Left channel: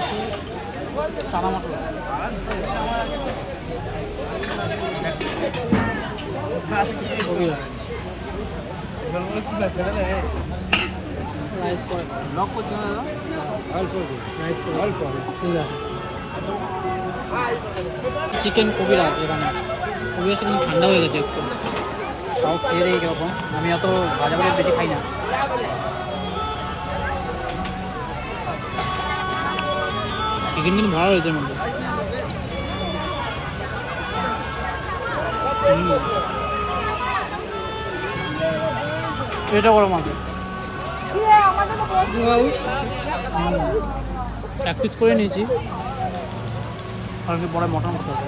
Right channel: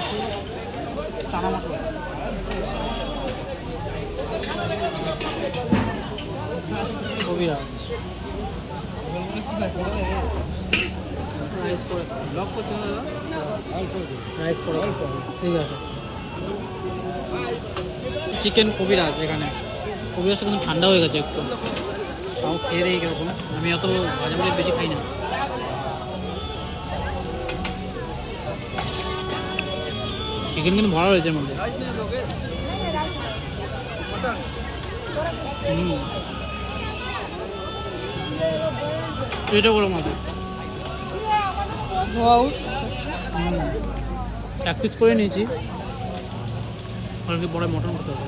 রয়েছে চানা মটর, কবিরাজ, রাইস করে লক করছে না দাদা, রাইস করে ঠিক আছে। চিকেন কবিরাজ, এখানে কবিরাজটা কিন্তু ঠান্ডা হয়ে গেছে একটু, তাও খেয়ে দেয় কীরকম। আমি অত ভাজা ভাজা বেশি খাই না। চিকেন কিন্তু ভালো হয়েছে এর মধ্যে। এটা গরম আছে, এক পিস করে নিয়েছি, আর কি বড় মটন করতে হবে।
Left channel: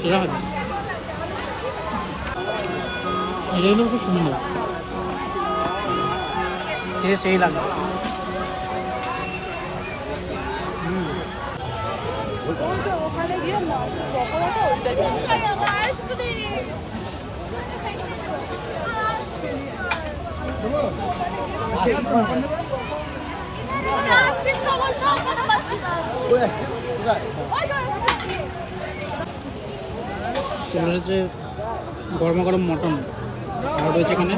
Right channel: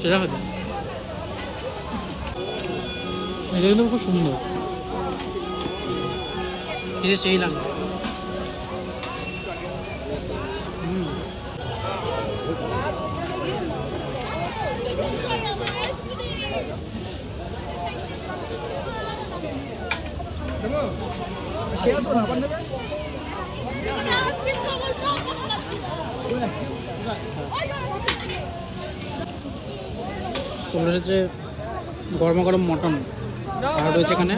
সেটা হয়তো এটা কিন্তু খুব সুন্দর, খেয়ে সেই লাগবে। চলে এসেছে গরমা গরম মটন, আর রয়েছে এখানে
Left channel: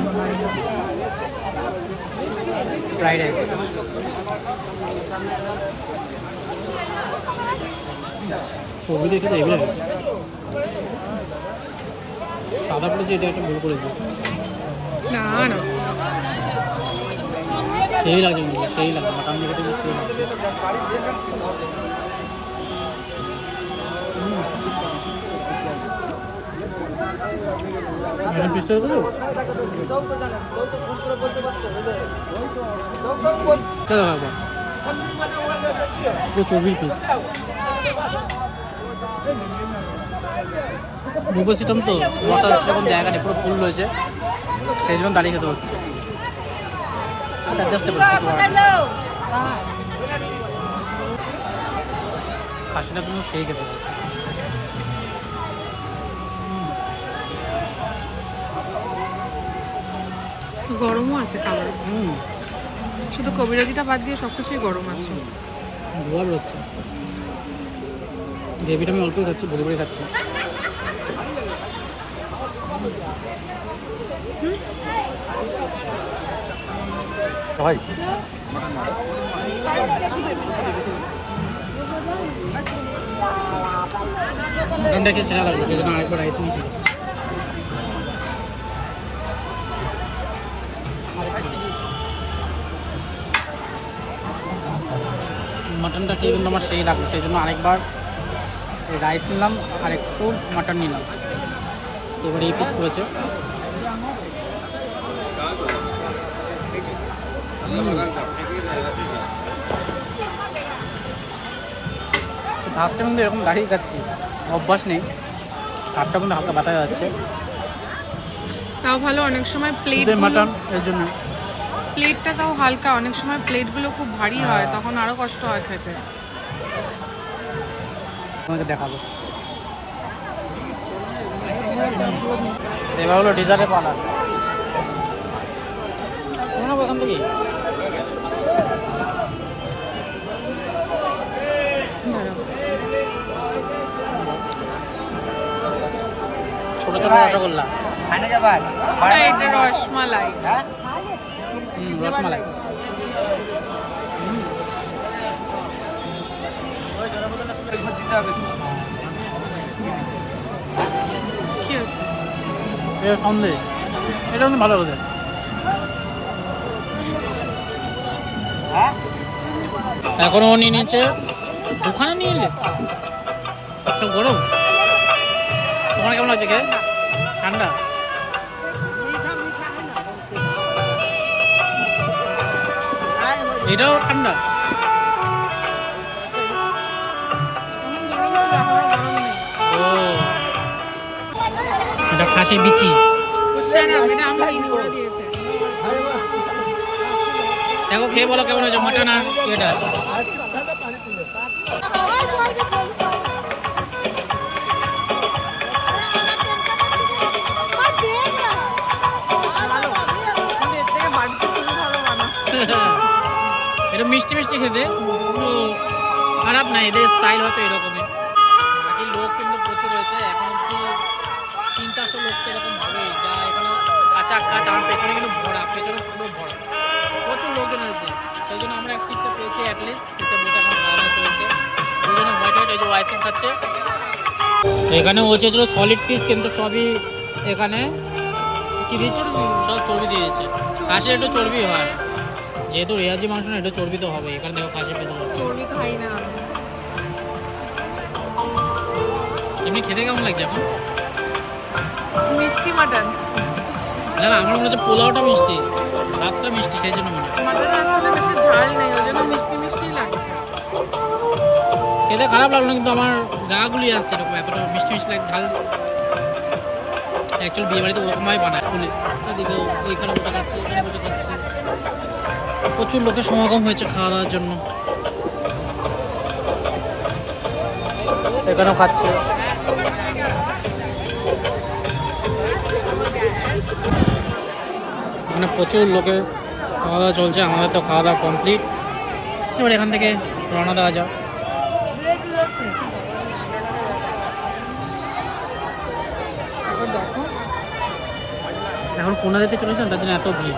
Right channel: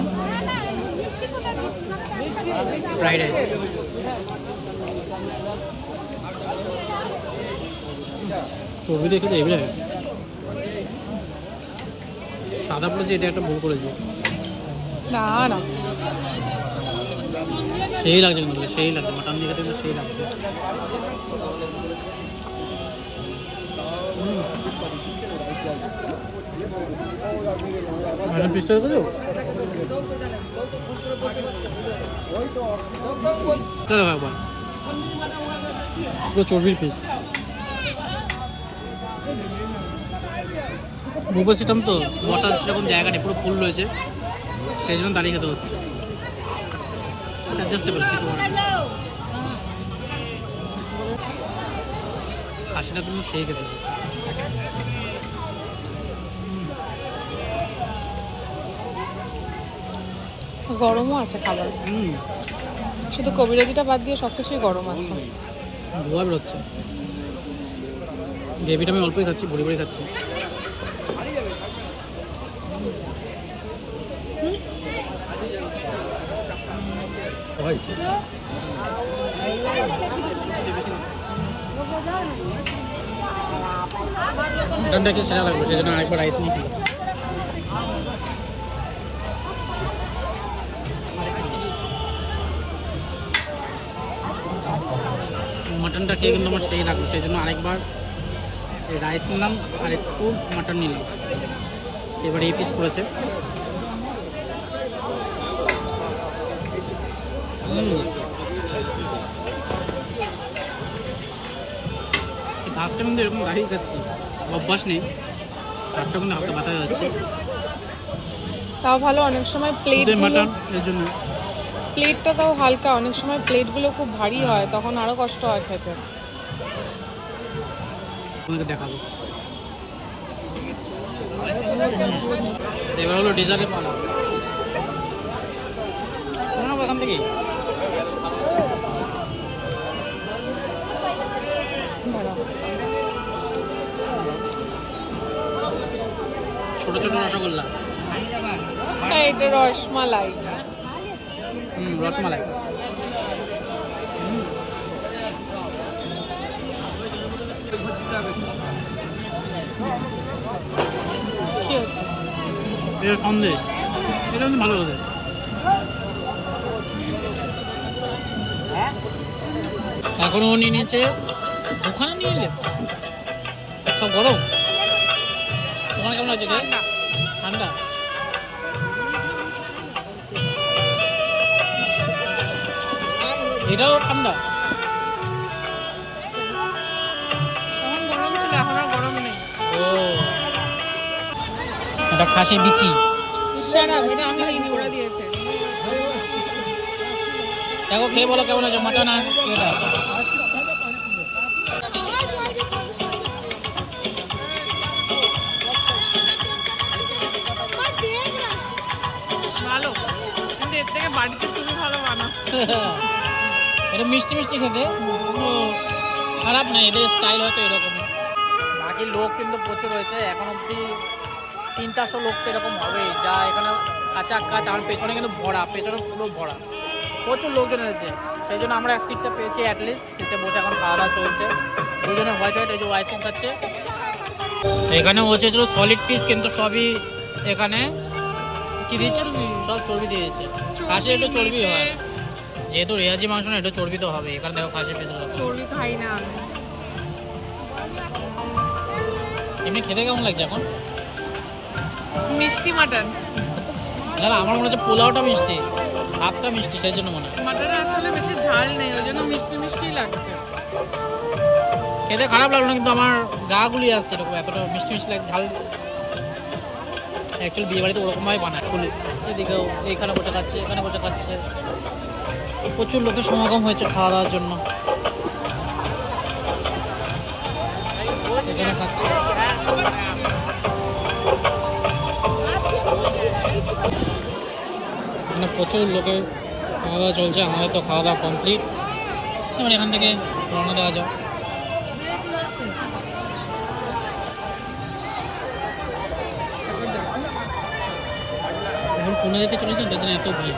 ফ্রাইড রাইস। চর্বি দিয়ে খেতে এগুলো সাদা পড়েছে, এটা একটা ভুল করেছে। না না সেই লাগছে, কিন্তু সেই লাগছে, মাটন দেখে দেখবে সেই লাগছে। পিসটা দেবো চলো একবার, পুরো চর্বির পিস। বুফে সিস্টেম তো, বসার সেরকম জায়গা নেই, পুরো ফুল রয়েছে, সেই জন্য দাঁড়িয়ে খেতে হচ্ছে। অ্যাডজাস্টেবল কিছু খাসিটা কিন্তু সেই খেতে হচ্ছে। গরমও আছে খাবার, শুধু কবিরাজিটা বাদ দিয়ে সব কিছুই গরম আছে। ধোয়া বেরোচ্ছে, গ্রেভিটা আমি অল্পই খাচ্ছি, ভরে ভরে খাচ্ছি। ভাই মটনটা খেয়ে সেরা লাগলো, সেই জন্য আরেকবার রাইস নিয়ে খেলো। মটনটা খেয়ে কিন্তু আমার সেই লাগলো, সেই জন্য আরেকবার রাইস নিলাম আর একটু মটন নিলাম। এবার এই পিস করেছে, ফার্স্ট টাইম কিন্তু এরকম দাঁড়িয়ে খাচ্ছি, অভ্যাস নেই, হাতটা কিন্তু হালকা ব্যথা যাচ্ছে। তাও ভালো, অনেক সময় প্লেট মাটন এর জন্য প্লেটটা তাও হালকা, অনেক সময় প্লেটগুলো খুব ভারী হয়, তখন আরো কষ্ট হয় খেতে। তোমাকে দেখাবো। এবার হলো ডিজার্টের পালা, নেবো এখান থেকে। ছোট ছোট রসগোল্লা, রসমালাই, রসমালাই। এটা সন্দেশ, এটা কিন্তু ভালো হতে। এখনো নিয়ে নিয়েছে, দোকানে নিয়ে এলে সব গরম। ওখানে কেমন লাগছে খেয়ে? ঠান্ডা, এটাও ঠান্ডা। ও এটা খাসির বিচি, দেখো খেয়ে বলো কেমন হয়েছে মাটন আর এটা। এটা মিষ্টি মিষ্টি খেতে, কোনো খারাপ না, এদের স্টাইল হয়তো এরকমই। বাকি লোক কিন্তু প্রচুর হয়েছে, এখন অব্দি 300-400 লোক তো এরকম হবেই, যা এখানে কাঁচা কাঁচ। আমার পেছনে কিন্তু ভরা, পেছনে পুরো ভরা, প্রচুর লোকজন হয়েছে। সেই জন্য আমরা এক সিটটা পেয়েছি অ্যাটলিস্ট, সিটে বসে এখন খাওয়া দাওয়া চলছে। দুজনে হোয়াইট হোয়াইট এই যে আইসক্রিম খাচ্ছে। এখানে হয়েছিল সলিড পিস, কিন্তু সবই এখানে কি দিয়েছে, সব চর্বি দিয়েছে। খাসির একটু চর্বি হয়, যেহেতু রেয়াজি মাংস না, একটু চর্বি তো হবে। এখানে দেখো খাসির পিস চর্বি খাই না আমি। এমনি খেতে কেমন লাগছে এখন? মিষ্টি মাটন। না না, আমার মনে হচ্ছে পোলাওটা মিষ্টি, ভাতটা মিষ্টি, সেই জন্য মনে হয়। মাটনে আসলে বেশি ঝাল নেই, ওই জন্য মিষ্টি মিষ্টি লাগছে। খেতে খারাপ লাগলো না, কিন্তু আমার গা গুলিয়ে আসছে এরকম, এতটা মিষ্টি মিষ্টি লাগে, ঝাল। অ্যাকচুয়ালি বিয়ে বাড়িতে ওরকমভাবে বানায় স্কুলে। এদিকেও এইখানে বসে খাচ্ছে, এখানে বসে খাচ্ছে, প্রচুর লোকের সমাগম হয়েছে খাওয়া দাওয়ার জন্য। এখানেও খাচ্ছে। এখানে প্রচুর লোকের খাওয়া দাওয়া চলছে, আমাদের তো খাওয়া দাওয়া কমপ্লিট। এবার এখান থেকে রওনা দেওয়া যাও। এখন কোনা যেতে চলেছেন, তার জন্য এত ভিড়।